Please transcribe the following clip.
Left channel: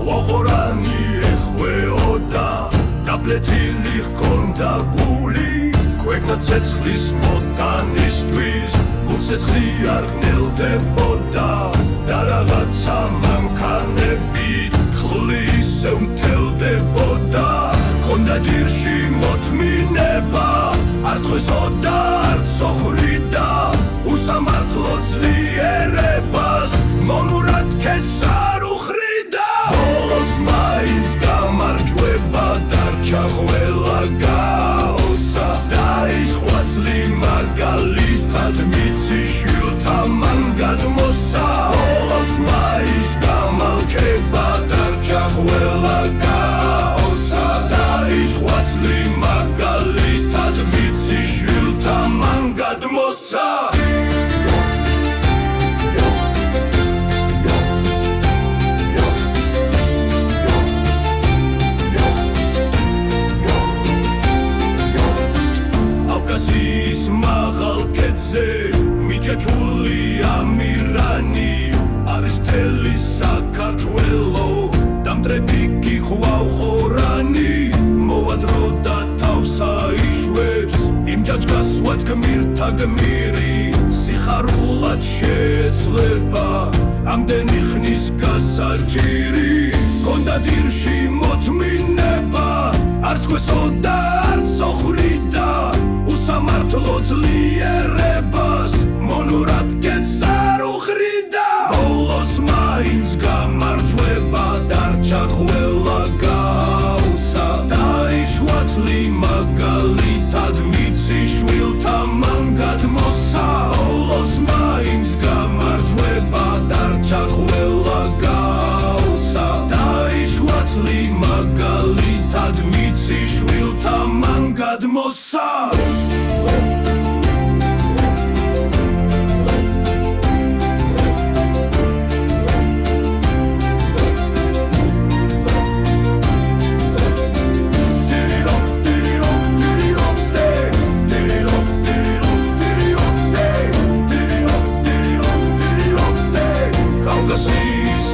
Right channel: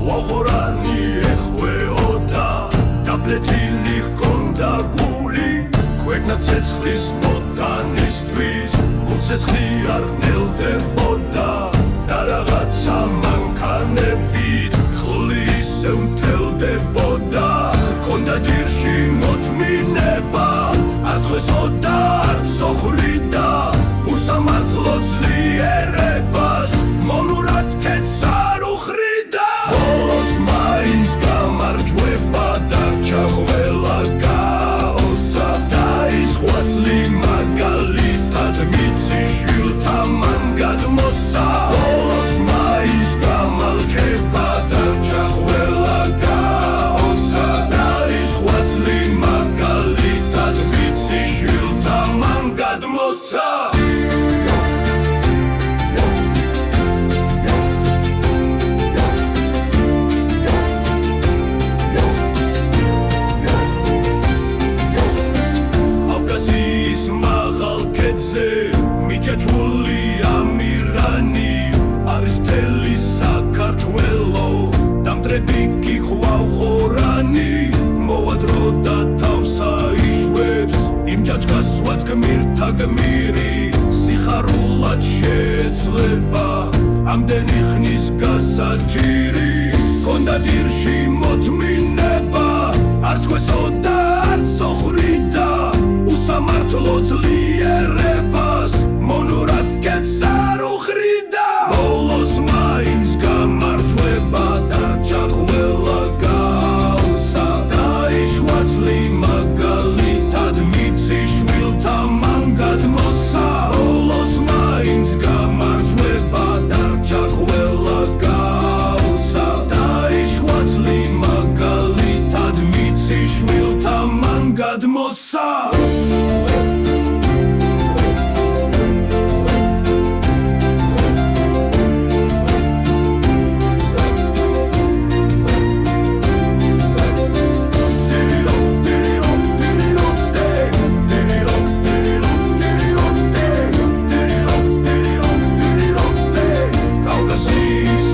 ხვაღორანი ეხვეოდა დაბლეთილი ჰქონდა გული ქვეყნა ცეცხლის მოტანისთვის გულცეცხლი არ ღნელდებოდა და რაღაცა მანქანებით ხლული ისევ მთელდებოდა ჰქონდა ჯირში მოთმინება არც ხვესოდა არც სოხრიდა უსამართლო ძლიერებას მონურად ქეთს არ უხრიდა ბოლოს მაინც გამარჯვება დარჩა ყველა გაოცა დაისხვა წლი მაგალითად მიცი შვილთა მან გადმოსცა ბოლოს მაინც გამალქება დარჩა ყველა გაოცა დაისხვა წლი მაგალითად მიცი შვილთა მან გადმოსცა კავკასიის მაღალ ქედზე მიჯაჭვული ამირანი არის მთელი საქართველო დამტრები გიხვავ ხორანი მოვა დრო და თავს აიშვებს იმ ჯაჭკას სვათ გმირთა გმირი სიხარულად შეეცლება ამდენი ხნის გასაჭირი ჰქონდა ჯირში მოთმინება არც ხვესოდა არც სოხრიდა უსამართლო ძლიერებას მონურად კეთს არ უხრიდა ბოლოს მაინც გამარჯვება დარჩა ყველა გაუცა დაიშვა წლი მაგალითად მიცი შვილთა მან გადმოსცა ბოლოს მაინც გამარჯვება დარჩა ყველა გაუცა დაიშვა წლი მაგალითად მიცი შვილთა მან გადმოსცა კავკასიის